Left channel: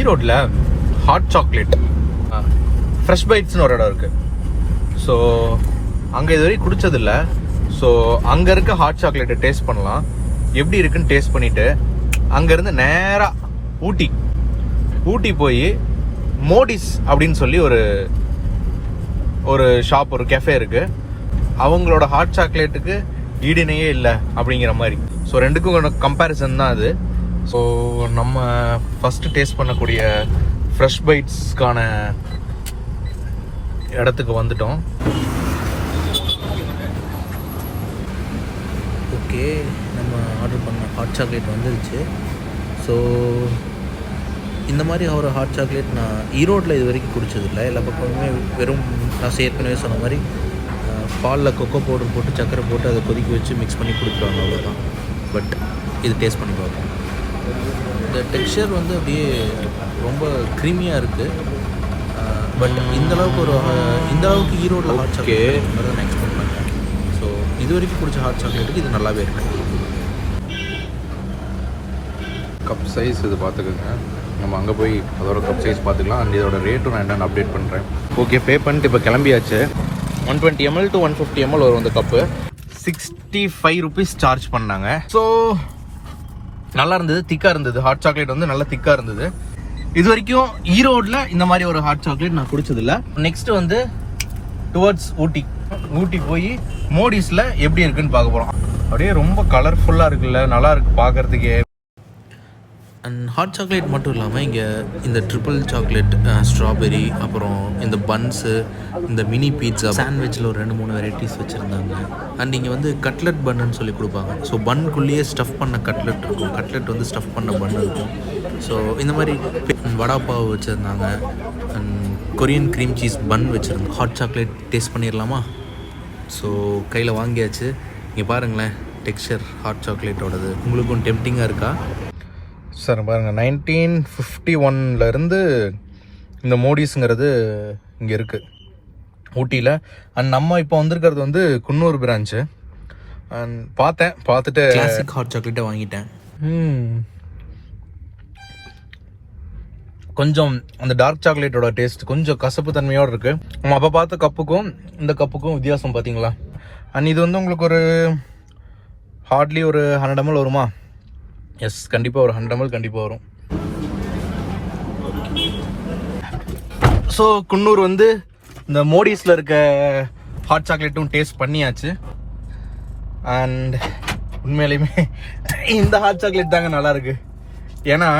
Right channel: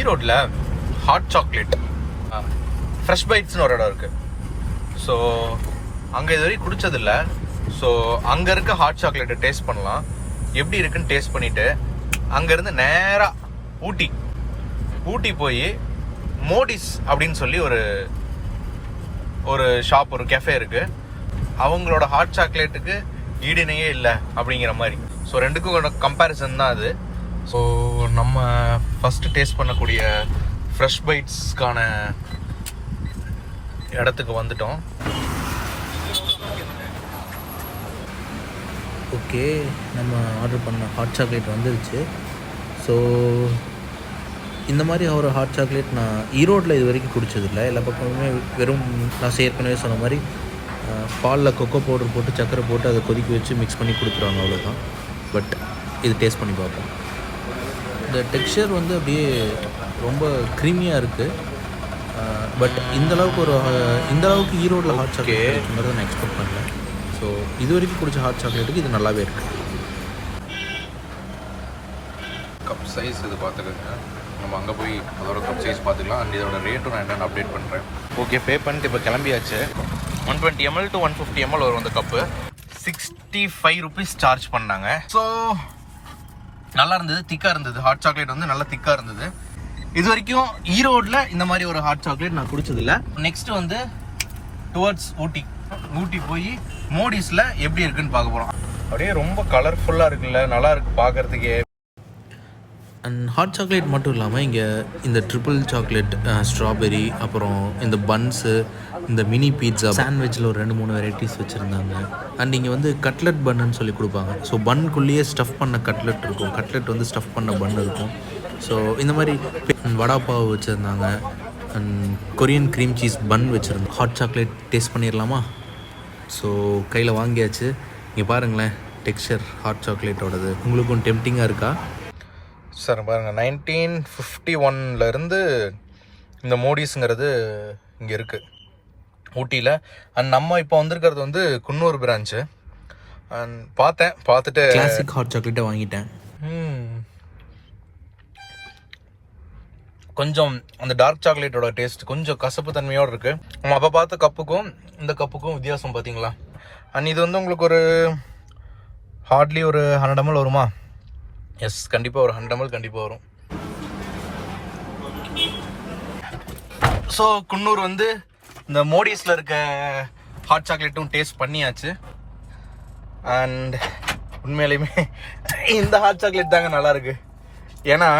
ஈரோட்டில் hot chocolate fresh பைட்ஸ்னு ஒரு இடம் இருக்குது. ஸோ அங்கே இது வரைக்கும் குடிச்சதில்லை. ஸோ அங்கே இருக்க ஹாட் சாக்லேட்டை டேஸ்ட் பண்ணலாம். எப்படி இருக்குன்னு டேஸ்ட் பண்ணிவிட்டு அங்கேருந்து நேராக ஊட்டி போய் மோடிஸ் அப்படின்னு சொல்லி ஒரு ஷாப், ஒரு கெஃபே இருக்குது. அவங்களோட ஹாட் சாக்லேட்டுக்கு ஈடினையே இல்லை அப்படிங்கிற மாதிரி. ஸோ ரெண்டுக்கும் கம்பேரிசன் தான் அது. ஸோ நம்ம ஃபஸ்ட்டு டேஸ்ட் பண்ணக்கூடிய ஃப்ரெஷ் பைட்ஸ்க்கான இடத்துக்கு வந்துட்டோம். ஓகே, நம்ம ஆர்டர் பண்ண ஹாட் சாக்லேட் வந்துருச்சு. ஸோ இந்த மாதிரி ஒரு ஹாட் சாக்லேட் நான் ஈரோட்டில் இது வரைக்கும் குடிச்சதில்லை. எல்லா பக்கமுமே வெறும் நான் ஏற்கனவே சொன்ன மாதிரி பாலில் கொக்கோ பவுடர் போட்டு சக்கரை போட்டு அதை கொதிக்க வச்சு மிக்ஸ் பண்ணி கொடுத்துருவாங்க, அவ்வளோதான். பட் இது டேஸ்ட் பண்ணி பார்ப்போம். இந்த டெக்ஸ்சர் வந்து அப்படியே ரொம்ப க்ரீமியாக இருக்குது. பட் இந்தளவுக்கு ஈரோட்டில் ஹாட் சாக்லேட் கிடைக்குங்கிறத நான் எக்ஸ்பெக்ட் பண்ணேன். ஸோ இது வரைக்கும் குடிச்ச ஹாட் சாக்லேட்டுக்கு இது நல்லாவே இருக்குது. கப் சைஸ் இது பார்த்துக்கோங்க. நம்ம அங்கே போய் அதோட கப் சைஸ் பார்த்துக்கலாம். அண்ட் இதோட ரேட்டும் நான் என்னென்னு அப்டேட் பண்ணுறேன். ஓகே, பே பண்ணிட்டு இப்போ கிளம்பியாச்சு. 120 ml to 150 ml வரும் இந்த கப்பு. 65 rupees சார்ஜ் பண்ணாங்க. ஸோ நல்லா இருந்தது, திக்காக இருந்தது. ஹாட் சாக்லேட் வந்து நல்லா திக்காக இருந்தது. இது வரைக்கும் ஈரோடில் இந்த மாதிரி ஒரு ஹாட் சாக்லேட் நான் குடிச்சதில்லை. நெக்ஸ்ட் வந்து டுவர்ட்ஸ் ஊட்டி போய் மோடிஸில் எப்படி இருக்குன்னு பார்க்க போகிறோம். அப்படியே ரொம்ப கலர்ஃபுல்லாக இருக்குல்ல, நல்லா இருக்கு பார்க்குறதுக்கே. அண்ட் ஹாட் சாக்லேட் மட்டும் இல்லாமல் இங்கே இந்த ட்ரிபிள் சாக்லேட், ஸ்ட்ராபெரி, அப்புறம் இந்த பன்ஸு, இந்த மினி பீட்ஸா, சாண்ட்விச்சில் ஒரு 2-3 வெரைட்டிஸ் வச்சுருந்தாங்க. அண்ட் இங்கே வந்து கட்லெட் பன்னுன்னு சொல்லி கொடுப்பாங்க. ஸோ பன்னுக்குள்ளேயே ஸ்டஃப் பண்ண கட்லெட் இருக்கும், கட்லெட் வந்து ஸ்டஃப் பண்ண பன் இருக்கும். ஸோ இந்த மாதிரி வடாப்பாவு வச்சுருந்தாங்க. அண்ட் கொரியன் க்ரீம் சீஸ் பன் வச்சுருந்தோம். ஹாட் சாக்லேட் டேஸ்ட் பண்ணிடலாமா? ஸோ கையில் வாங்கியாச்சு. இங்கே பாருங்களேன் டெக்ஸ்சர் ஹாட் சாக்லேட்டோடது. உங்களுக்கும் டெம்டிங்காக இருக்கா? சார் பாருங்கள், 1951லேருந்து இந்த மோடிஸுங்கிறது இங்கே இருக்குது ஊட்டியில். அண்ட் நம்ம இப்போ வந்திருக்கிறது வந்து குன்னூர் பிரான்ச்சு. அண்ட் பார்த்துட்டு கிளாசிக் ஹாட் சாக்லேட்டை வாங்கிட்டேன். கொஞ்சம் அந்த டார்க் சாக்லேட்டோட டேஸ்ட் கொஞ்சம் கசப்பு தன்மையோடு இருக்குது. நம்ம அப்போ பார்த்த கப்புக்கும் இந்த கப்புக்கும் வித்தியாசம் பார்த்தீங்களா? அண்ட் இது வந்து உங்களுக்கு ஒரு ஹார்ட்லி ஒரு 100 ml வருமா? எஸ், கண்டிப்பாக ஒரு 100 ml கண்டிப்பாக வரும். ஸோ குன்னூர் வந்து இந்த மோடிஸில் இருக்க ஹாட் சாக்லேட்டும் டேஸ்ட் பண்ணியாச்சு. அண்ட் உண்மையிலையுமே இந்த ஹாட் சாக்லேட் தாங்க நல்லா இருக்கு. ஏன்னா